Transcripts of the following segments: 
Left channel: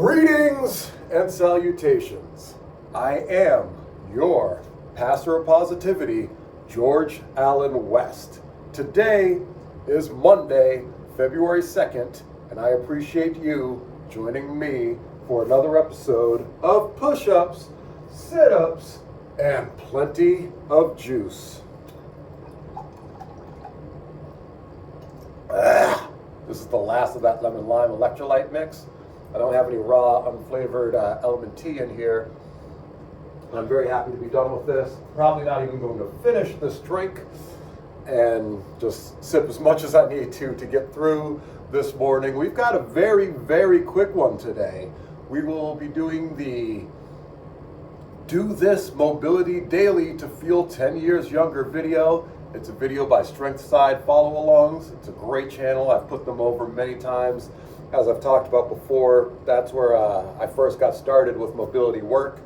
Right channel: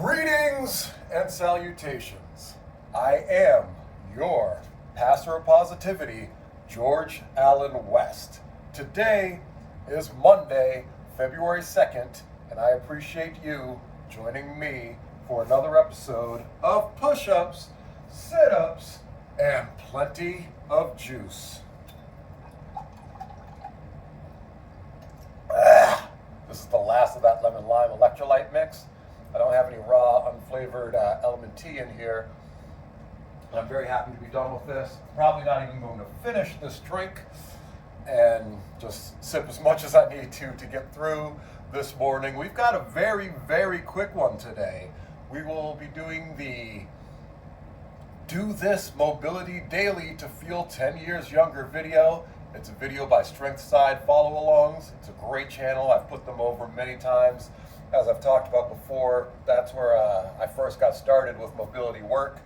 Greetings and salutations. I am your pastor of positivity, George Allen West. Today is Monday, February 2nd, and I appreciate you joining me for another episode of Push-Ups, Sit-Ups, and plenty of juice. This is the last of that lemon lime electrolyte mix. I don't have any raw, unflavored element tea in here. I'm very happy to be done with this. Probably not even going to finish this drink and just sip as much as I need to get through this morning. We've got a very, very quick one today. We will be doing the Do This Mobility Daily to Feel 10 Years Younger video. It's a video by Strength Side follow-alongs. It's a great channel. I've put them over many times. As I've talked about before, that's where I first got started with mobility work,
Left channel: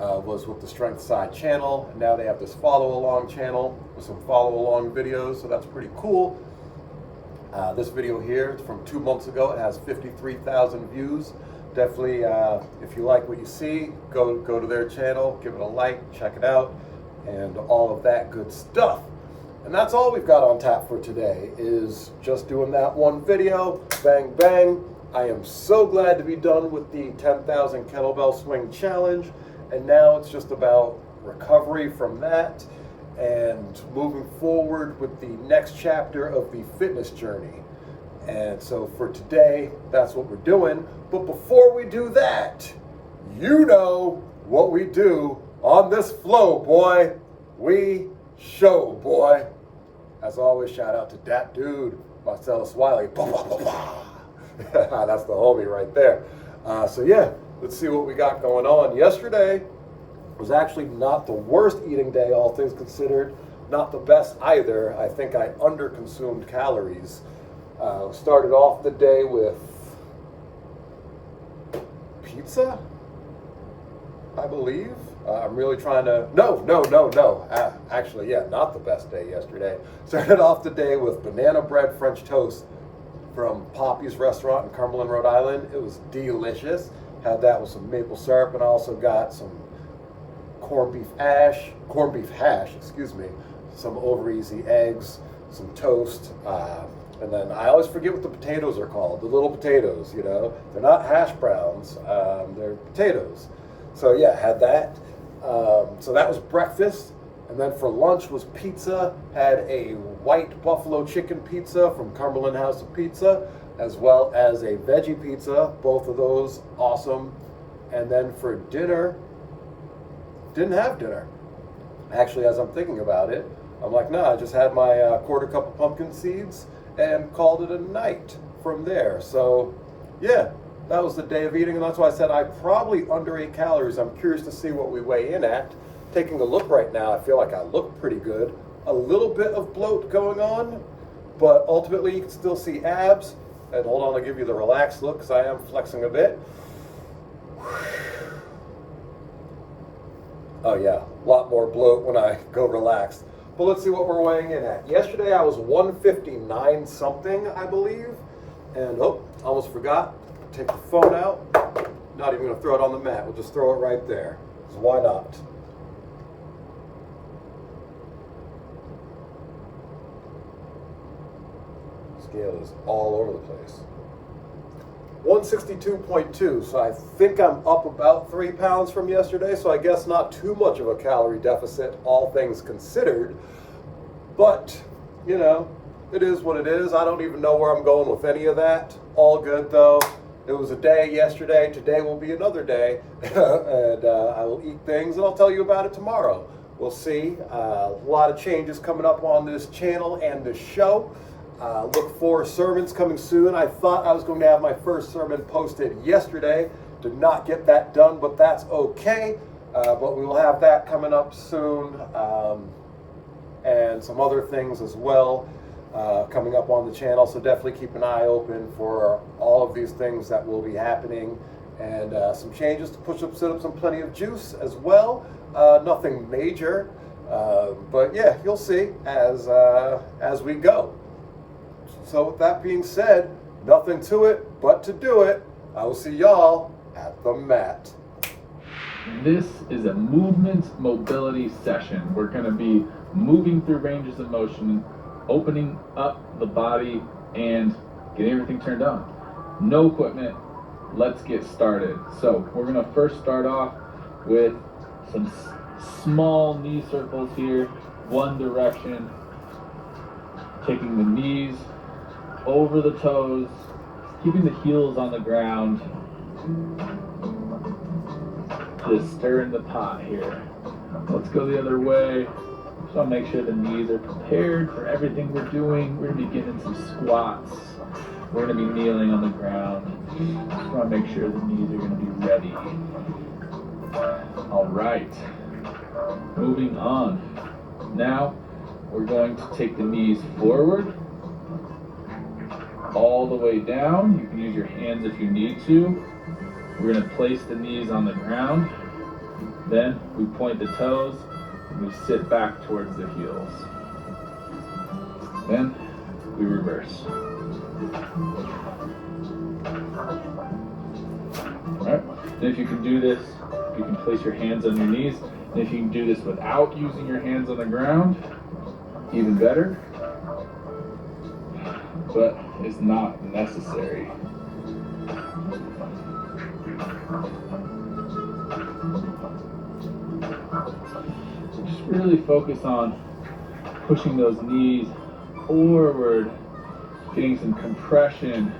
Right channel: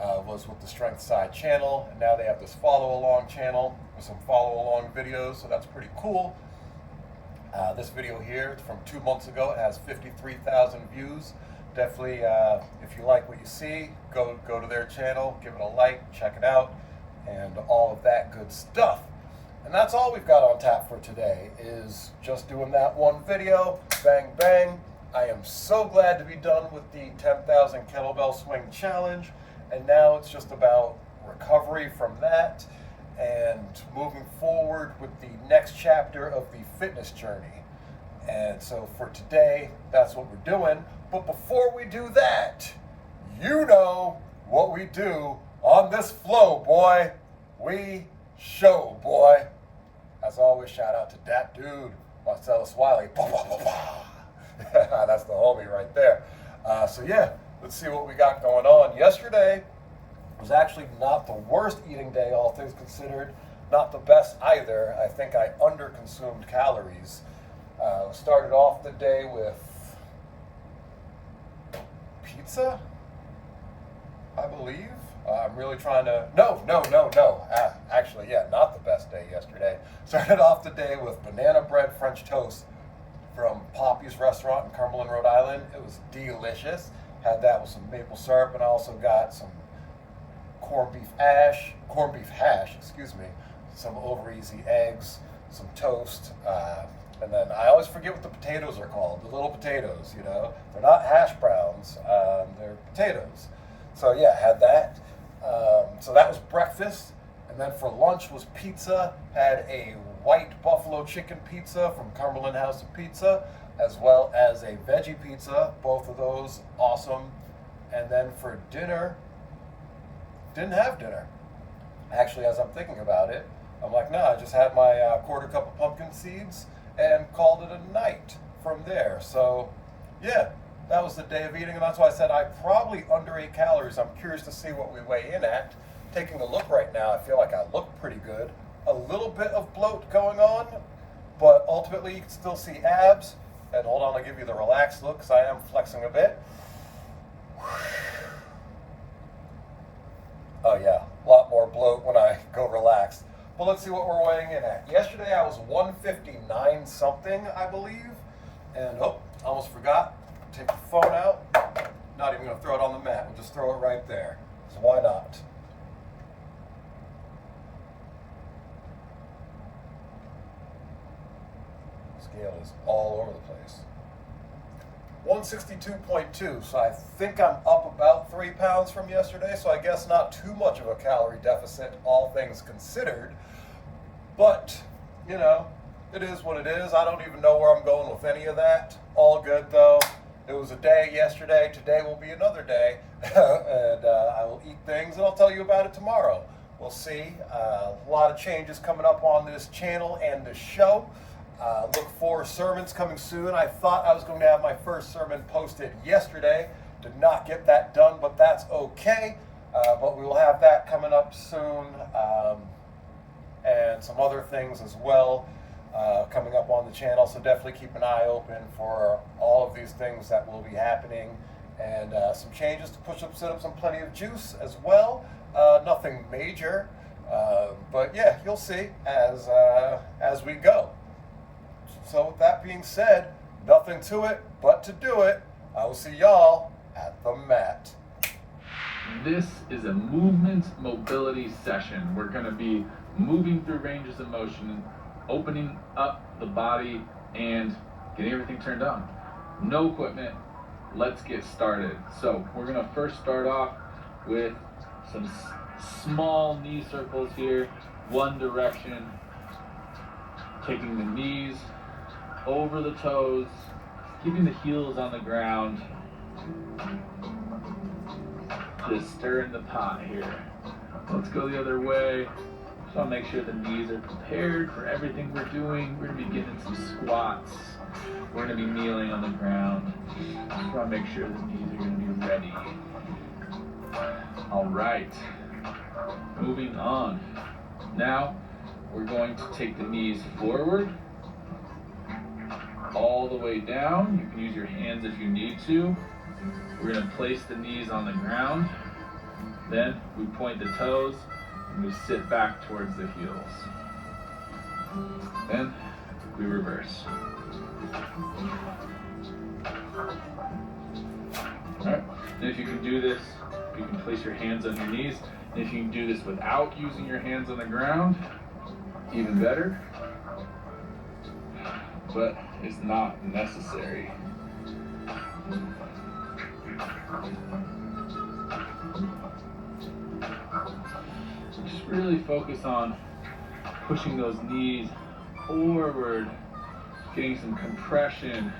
was with the Strength Side channel. And now they have this follow-along channel with some follow-along videos, so that's pretty cool. This video here, it's from 2 months ago. It has 53,000 views. Definitely, if you like what you see, go to their channel, give it a like, check it out, and all of that good stuff. And that's all we've got on tap for today, is just doing that one video, bang, bang. I am so glad to be done with the 10,000 kettlebell swing challenge. And now it's just about recovery from that and moving forward with the next chapter of the fitness journey. And so for today, that's what we're doing. But before we do that, you know what we do on this flow, boy. We show, boy. As always, shout out to that dude, Marcellus Wiley. That's the homie right there. So yeah, let's see what we got going on. Yesterday was actually not the worst eating day, all things considered. Not the best either. I think I underconsumed calories. Started off the day with pizza, I believe. I'm really trying to, no. Actually, yeah, not the best day yesterday. Started off the day with banana bread French toast from Poppy's restaurant in Cumberland, Rhode Island. It was delicious. Had that with some maple syrup, and I also got some corned beef hash, some over easy eggs, some toast, and then I always forget what the potatoes are called, the little potatoes, you know. They're not hash browns, they're potatoes. So yeah, had that. So that was breakfast. And then for lunch was pizza. Had a white buffalo chicken pizza from Cumberland House of Pizza, as well as a veggie pizza. Both of those awesome. And then for dinner, didn't have dinner. Actually, as I'm thinking about it, I'm like, nah, I just had my quarter cup of pumpkin seeds and called it a night from there. So yeah, that was the day of eating, and that's why I said I probably underate calories. I'm curious to see what we weigh in at. Taking a look right now, I feel like I look pretty good. A little bit of bloat going on, but ultimately you can still see abs. And hold on, I'll give you the relaxed look because I am flexing a bit. Oh yeah, a lot more bloat when I go relaxed. But let's see what we're weighing in at. Yesterday I was 159 something, I believe. And almost forgot. Take the phone out. Not even gonna throw it on the mat. We'll just throw it right there. So why not? Scale is all over the place. 162.2, so I think I'm up about 3 pounds from yesterday, so I guess not too much of a calorie deficit, all things considered. But, you know, it is what it is. I don't even know where I'm going with any of that. All good though. It was a day yesterday. Today will be another day. And I will eat things and I'll tell you about it tomorrow. We'll see. A lot of changes coming up on this channel and this show. Look for sermons coming soon. I thought I was going to have my first sermon posted yesterday. Did not get that done, but that's okay. But we will have that coming up soon. And some other things as well coming up on the channel. So definitely keep an eye open for all of these things that will be happening. And some changes to push-ups, sit-ups, and plenty of juice as well. Nothing major. But yeah, you'll see as we go. So with that being said, nothing to it but to do it. I will see y'all at the mat. This is a movement mobility session. We're going to be moving through ranges of motion, opening up the body, and getting everything turned on. No equipment. Let's get started. So we're going to first start off with some small knee circles here, one direction, taking the knees over the toes, keeping the heels on the ground. Just stirring the pot here. Let's go the other way. Just want to make sure the knees are prepared for everything we're doing. We're going to be getting some squats. We're going to be kneeling on the ground. Just want to make sure the knees are going to be ready. All right. Moving on. Now we're going to take the knees forward, all the way down. You can use your hands if you need to. We're going to place the knees on the ground. Then we point the toes and we sit back towards the heels. Then we reverse. Alright, then if you can do this, you can place your hands on your knees. And if you can do this without using your hands on the ground, even better. But it's not necessary. Just really focus on pushing those knees forward, getting some compression,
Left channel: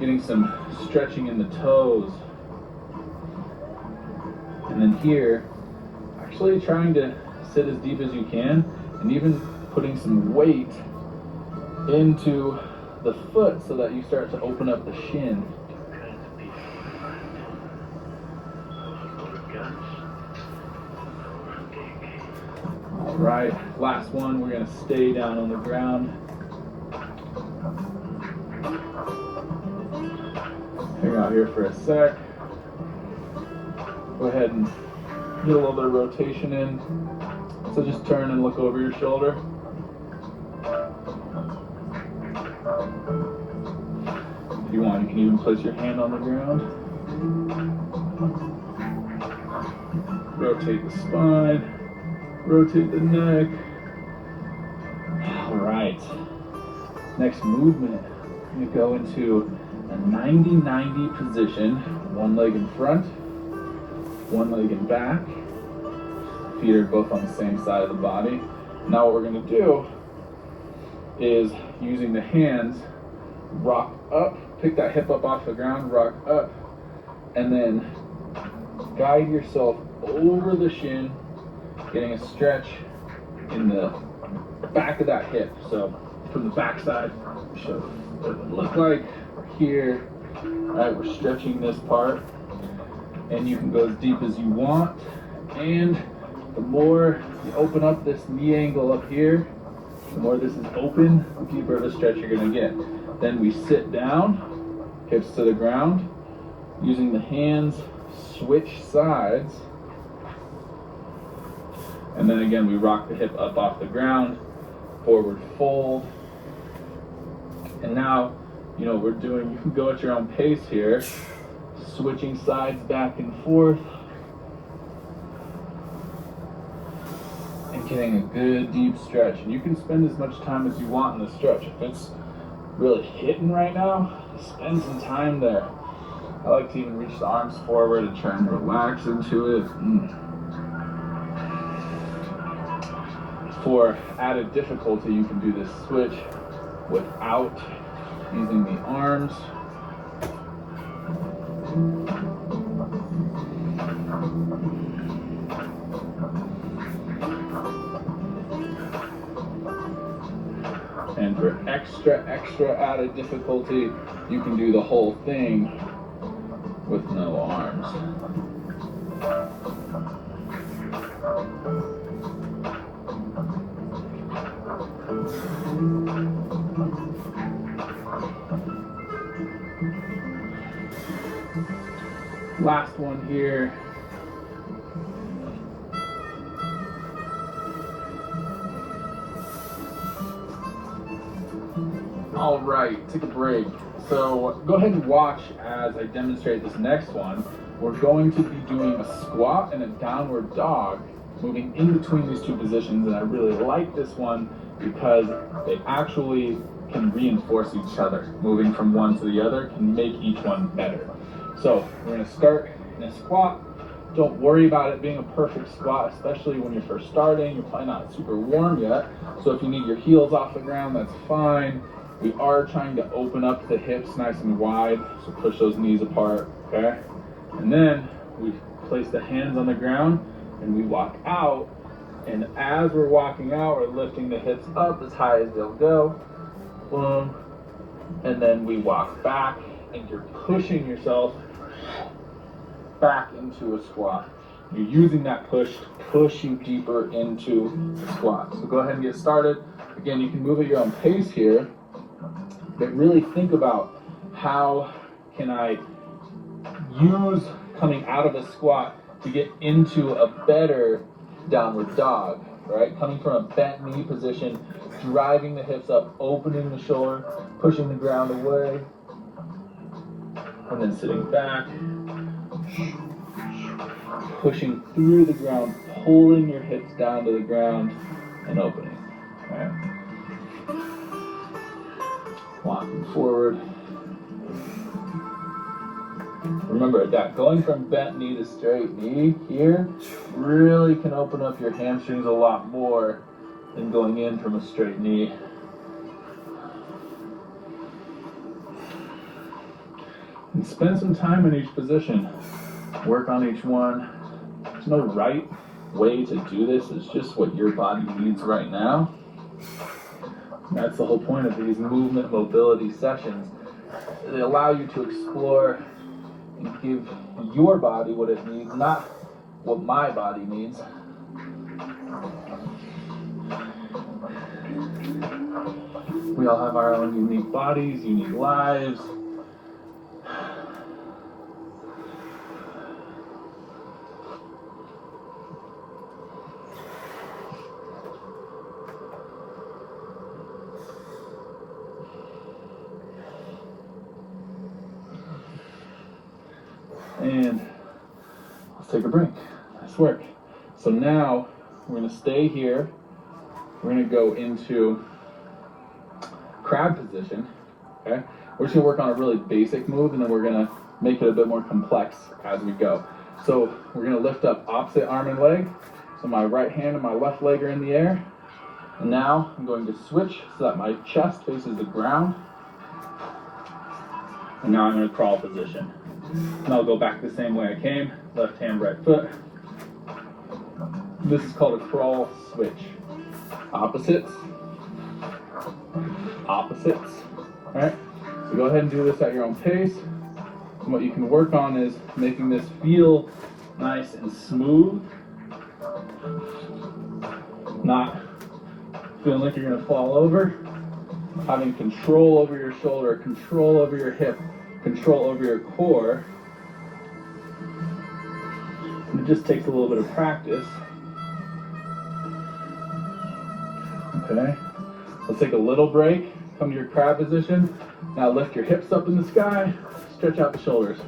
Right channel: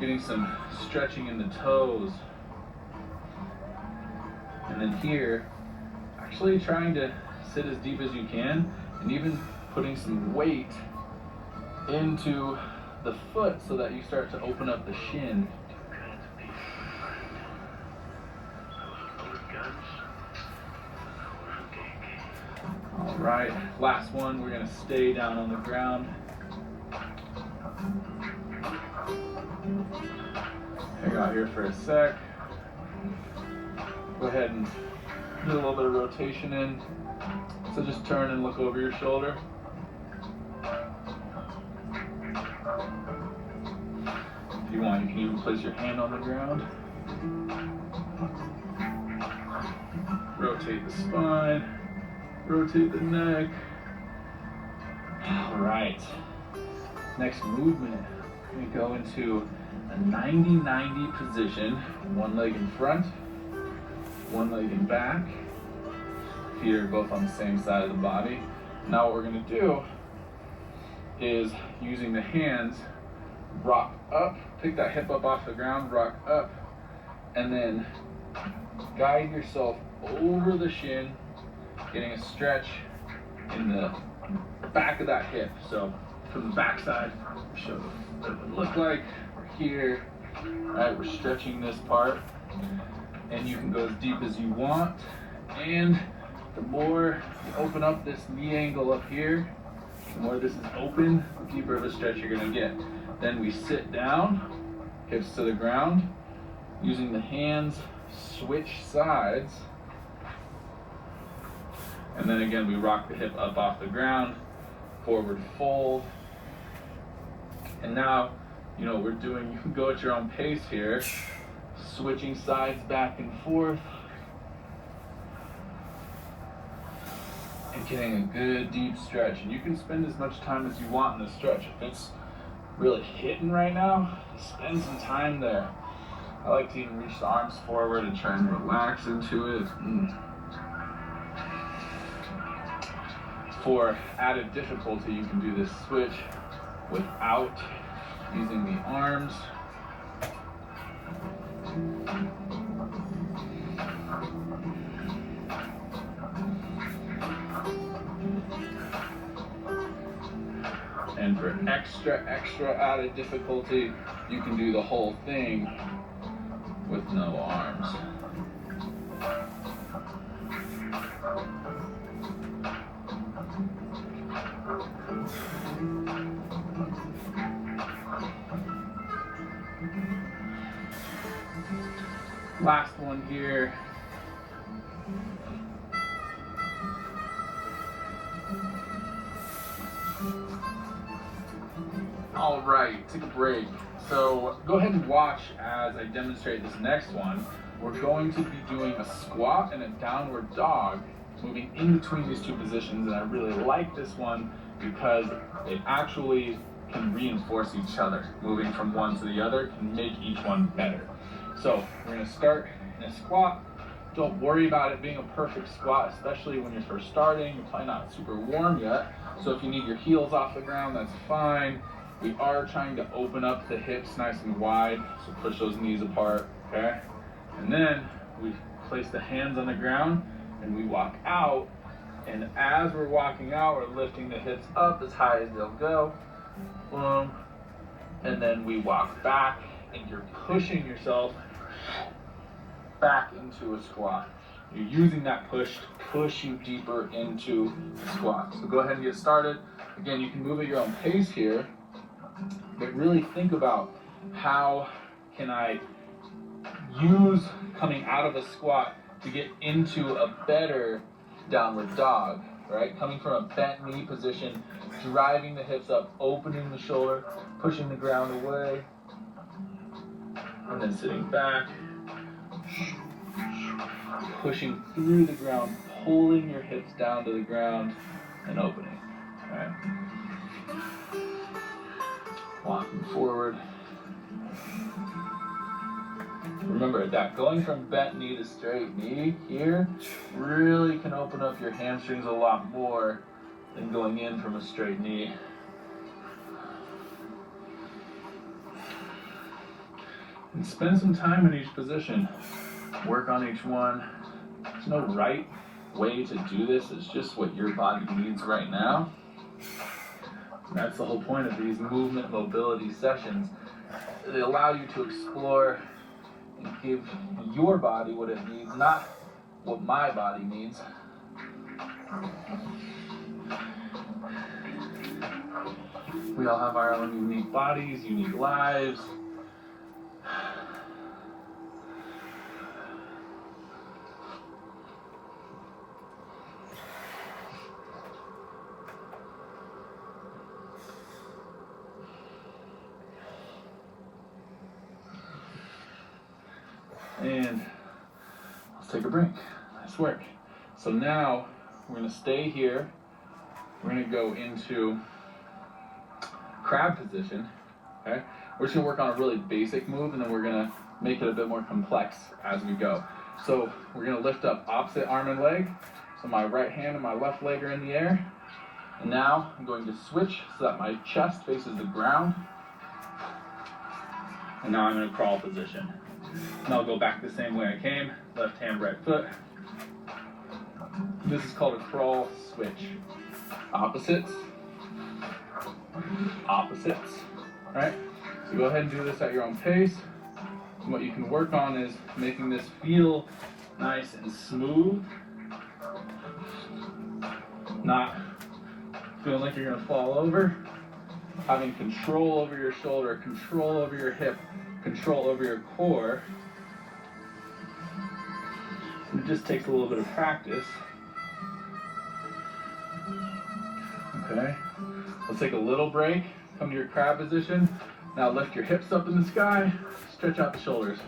getting some stretching in the toes. And then here, actually trying to sit as deep as you can, and even putting some weight into the foot so that you start to open up the shin. All right, last one, we're gonna stay down on the ground. Hang out here for a sec. Go ahead and get a little bit of rotation in. So just turn and look over your shoulder. If you want, you can even place your hand on the ground. Rotate the spine. Rotate the neck. All right. Next movement, you go into a 90-90 position. One leg in front, one leg in back. Feet are both on the same side of the body. Now what we're going to do is, using the hands, rock up, pick that hip up off the ground, rock up, and then guide yourself over the shin, getting a stretch in the back of that hip. So from the back side, show what it would look like. We're here, all right, we're stretching this part, and you can go as deep as you want. And the more you open up this knee angle up here, the more this is open, the deeper of a stretch you're gonna get. Then we sit down, hips to the ground, using the hands, switch sides. And then again, we rock the hip up off the ground, forward fold. And now, you know, you can go at your own pace here, switching sides back and forth. And getting a good deep stretch. And you can spend as much time as you want in the stretch. If it's really hitting right now, spend some time there. I like to even reach the arms forward and try and relax into it. For added difficulty, you can do this switch without using the arms. And for extra added difficulty, you can do the whole thing with no arms. Last one here. All right, take a break. So go ahead and watch as I demonstrate this next one. We're going to be doing a squat and a downward dog, moving in between these two positions, and I really like this one because it actually can reinforce each other. Moving from one to the other can make each one better. So we're going to start in a squat. Don't worry about it being a perfect squat, especially when you're first starting. You're probably not super warm yet, so if you need your heels off the ground, that's fine. We are trying to open up the hips nice and wide, so push those knees apart, okay? And then we place the hands on the ground and we walk out, and as we're walking out, we're lifting the hips up as high as they'll go, boom, and then we walk back, and you're pushing yourself back into a squat. You're using that push to push you deeper into the squat. So go ahead and get started. Again, you can move at your own pace here, but really think about how can I use coming out of a squat to get into a better downward dog, right? Coming from a bent knee position, driving the hips up, opening the shoulder, pushing the ground away, and then sitting back, pushing through the ground, pulling your hips down to the ground, and opening, right? Walking forward. Remember that going from bent knee to straight knee here really can open up your hamstrings a lot more than going in from a straight knee. And spend some time in each position. Work on each one. There's no right way to do this. It's just what your body needs right now. And that's the whole point of these movement mobility sessions. They allow you to explore and give your body what it needs, not what my body needs. We all have our own unique bodies, unique lives. And let's take a break. Nice work. So now we're going to stay here. We're going to go into crab position. Okay? We're just going to work on a really basic move, and then we're going to make it a bit more complex as we go. So we're going to lift up opposite arm and leg. So my right hand and my left leg are in the air. And now I'm going to switch so that my chest faces the ground. And now I'm in a crawl position. And I'll go back the same way I came, left hand, right foot. This is called a crawl switch. Opposites, opposites, all right? So go ahead and do this at your own pace. And what you can work on is making this feel nice and smooth, not feeling like you're gonna fall over, having control over your shoulder, control over your hip, control over your core. And it just takes a little bit of practice. Okay, let's take a little break, come to your crab position. Now lift your hips up in the sky, stretch out the shoulders.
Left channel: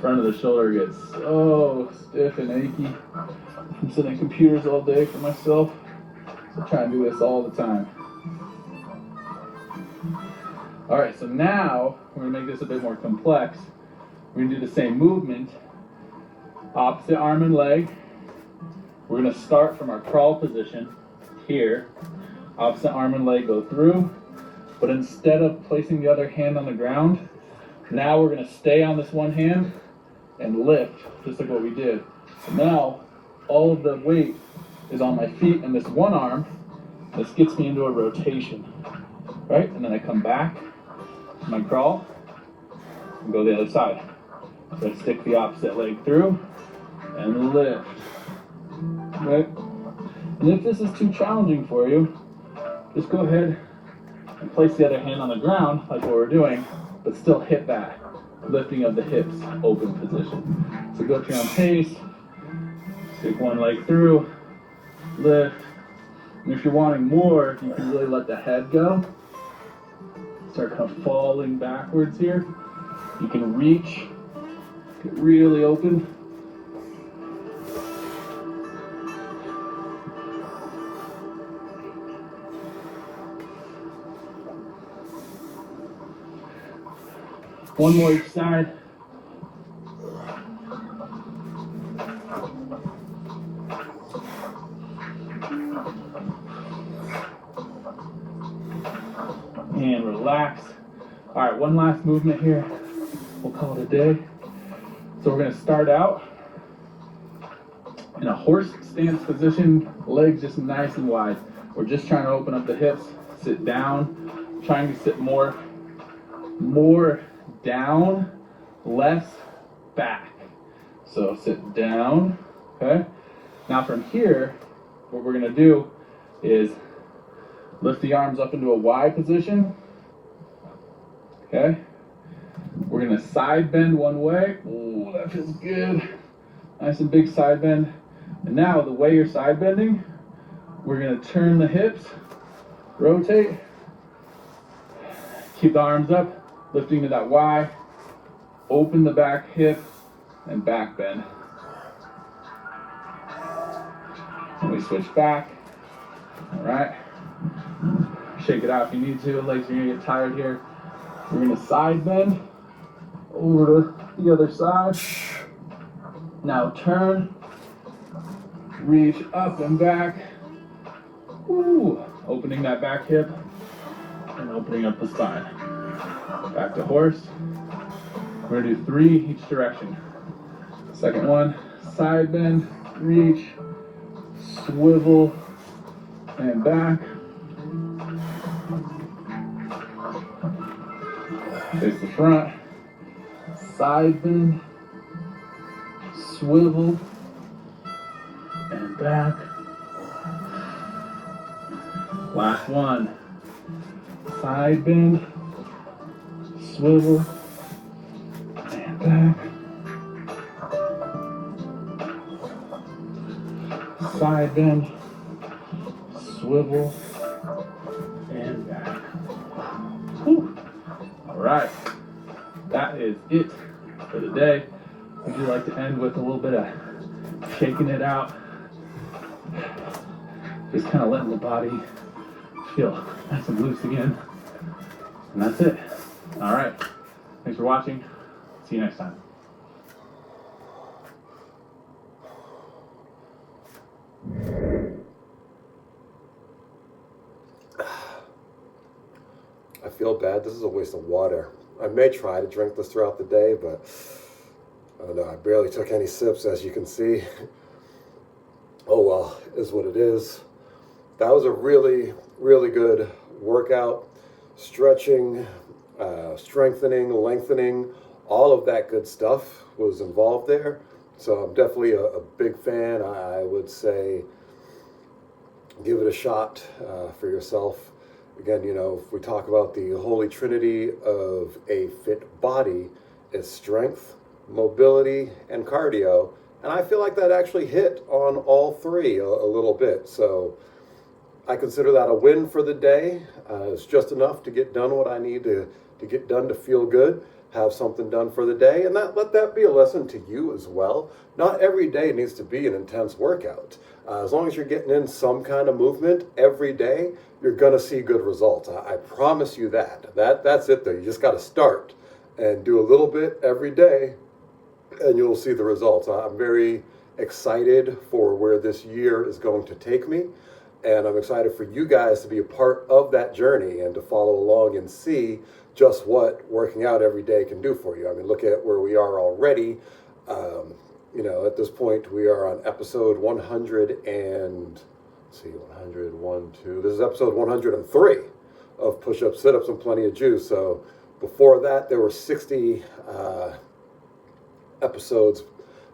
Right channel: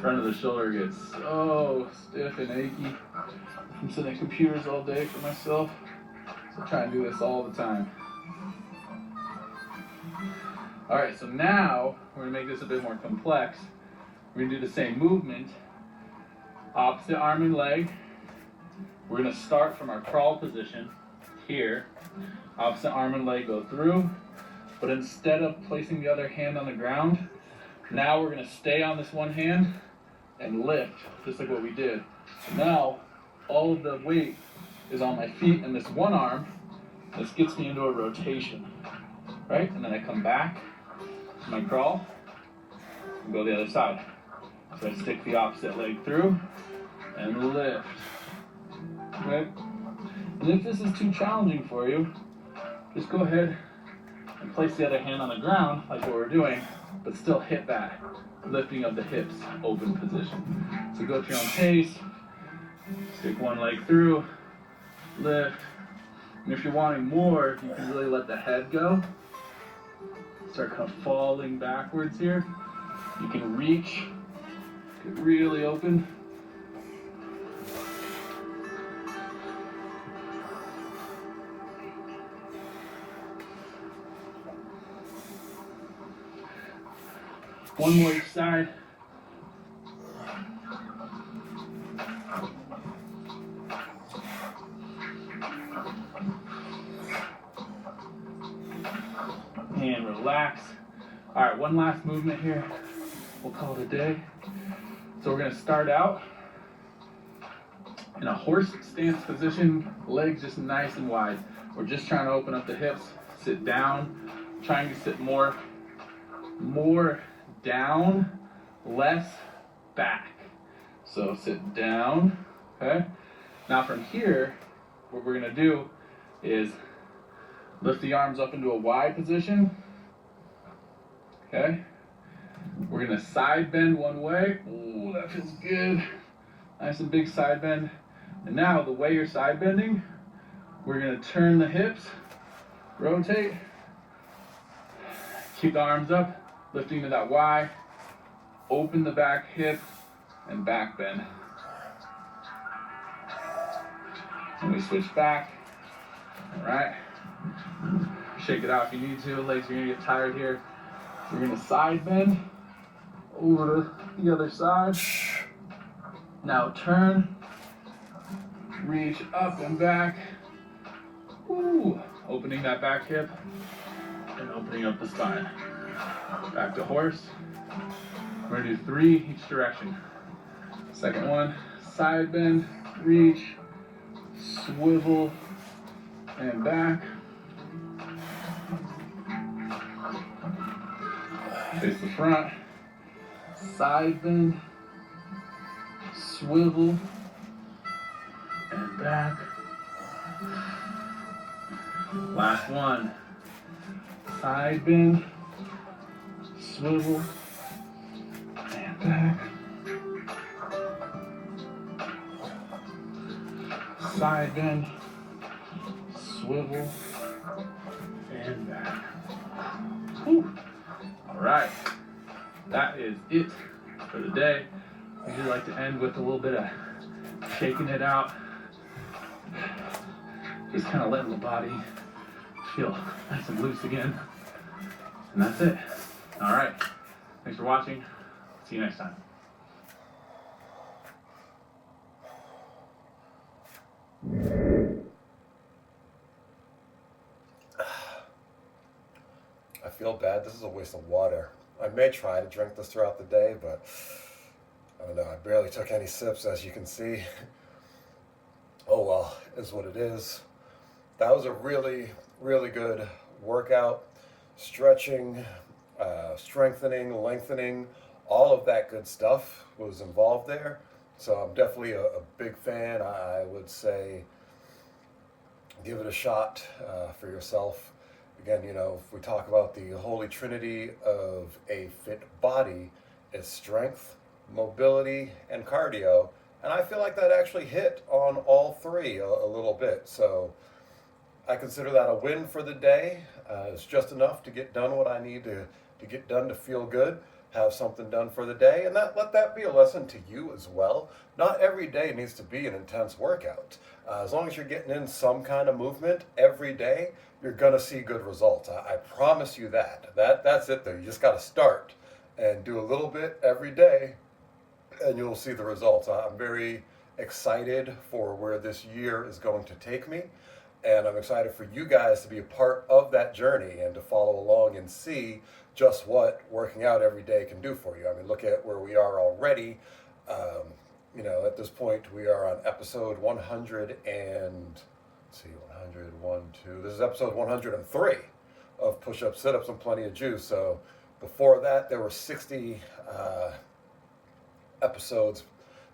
Front of the shoulder gets so stiff and achy. I'm sitting at computers all day for myself, so I try and do this all the time. All right, so now we're gonna make this a bit more complex. We're gonna do the same movement, opposite arm and leg. We're gonna start from our crawl position here. Opposite arm and leg go through, but instead of placing the other hand on the ground, now we're gonna stay on this one hand and lift, just like what we did. So now, all of the weight is on my feet and this one arm. This gets me into a rotation, right? And then I come back to my crawl and go the other side. So I stick the opposite leg through and lift, right? And if this is too challenging for you, just go ahead And place the other hand on the ground, like what we're doing, but still hit that lifting of the hips, open position. So go at your own pace, stick one leg through, lift. And if you're wanting more, you can really let the head go. Start kind of falling backwards here. You can reach, get really open. One more each side. And relax. All right, one last movement here. We'll call it a day. So we're gonna start out in a horse stance position, legs just nice and wide. We're just trying to open up the hips, sit down, trying to sit more down, less back. So sit down, okay? Now from here, what we're gonna do is lift the arms up into a wide position, okay? We're gonna side bend one way. Ooh, that feels good. Nice and big side bend. And now the way you're side bending, we're gonna turn the hips, rotate, keep the arms up, lifting to that Y, open the back hip, and back bend. And we switch back. All right. Shake it out if you need to. Legs are gonna get tired here. We're gonna side bend over to the other side. Now turn, reach up and back. Ooh, opening that back hip and opening up the spine. Back to horse. We're gonna do 3 each direction. Second one, side bend, reach, swivel, and back. Face the front, side bend, swivel, and back. Last one, side bend, swivel, and back. Side bend, swivel, and back. Whew. All right, that is it for the day. Would you like to end with a little bit of shaking it out? Just kind of letting the body feel nice and loose again. And that's it. All right, thanks for watching. See you next time. I feel bad. This is a waste of water. I may try to drink this throughout the day, but I don't know. I barely took any sips, as you can see. Oh well, is what it is. That was a really, really good workout. Stretching, strengthening, lengthening, all of that good stuff was involved there. So I'm definitely a big fan. I would say give it a shot for yourself. Again, you know, if we talk about the holy trinity of a fit body, it's strength, mobility, and cardio. And I feel like that actually hit on all 3 a little bit. So I consider that a win for the day. It's just enough to get done what I need to get done to feel good, have something done for the day, and let that be a lesson to you as well. Not every day needs to be an intense workout. As long as you're getting in some kind of movement every day, you're gonna see good results. I promise you that. That's it though. You just gotta start and do a little bit every day, and you'll see the results. I'm very excited for where this year is going to take me. And I'm excited for you guys to be a part of that journey and to follow along and see just what working out every day can do for you. I mean, look at where we are already. You know, at this point, we are on episode 100 and, let's see, 100, 1, 2. This is episode 103 of Push-Ups, Sit-Ups, and Plenty of Juice. So before that, there were 60 episodes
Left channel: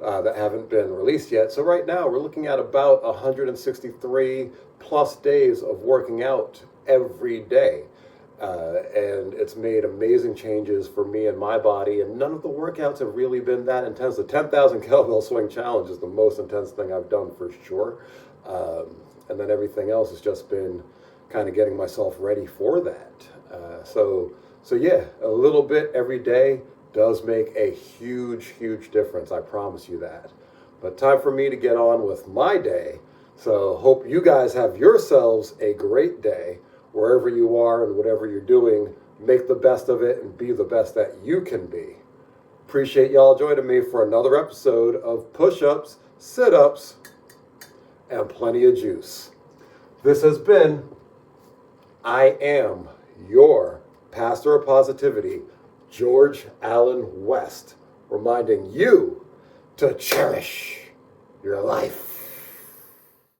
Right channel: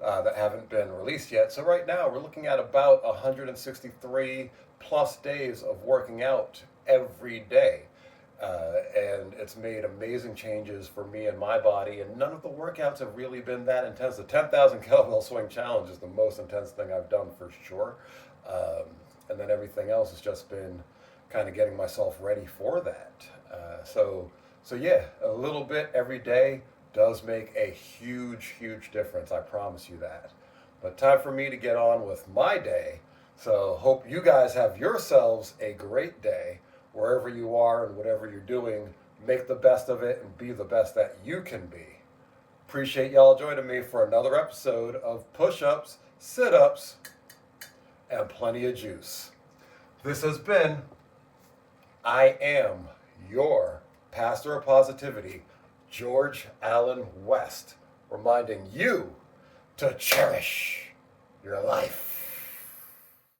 that haven't been released yet. So right now, we're looking at about 163 plus days of working out every day. And it's made amazing changes for me and my body. And none of the workouts have really been that intense. The 10,000 kettlebell swing challenge is the most intense thing I've done for sure. And then everything else has just been kind of getting myself ready for that. So yeah, a little bit every day does make a huge, huge difference. I promise you that. But time for me to get on with my day. So hope you guys have yourselves a great day wherever you are and whatever you're doing. Make the best of it and be the best that you can be. Appreciate y'all joining me for another episode of Push-Ups, Sit-Ups, and Plenty of Juice. This has been I Am Your Pastor of Positivity, George Allen West, reminding you to cherish your life.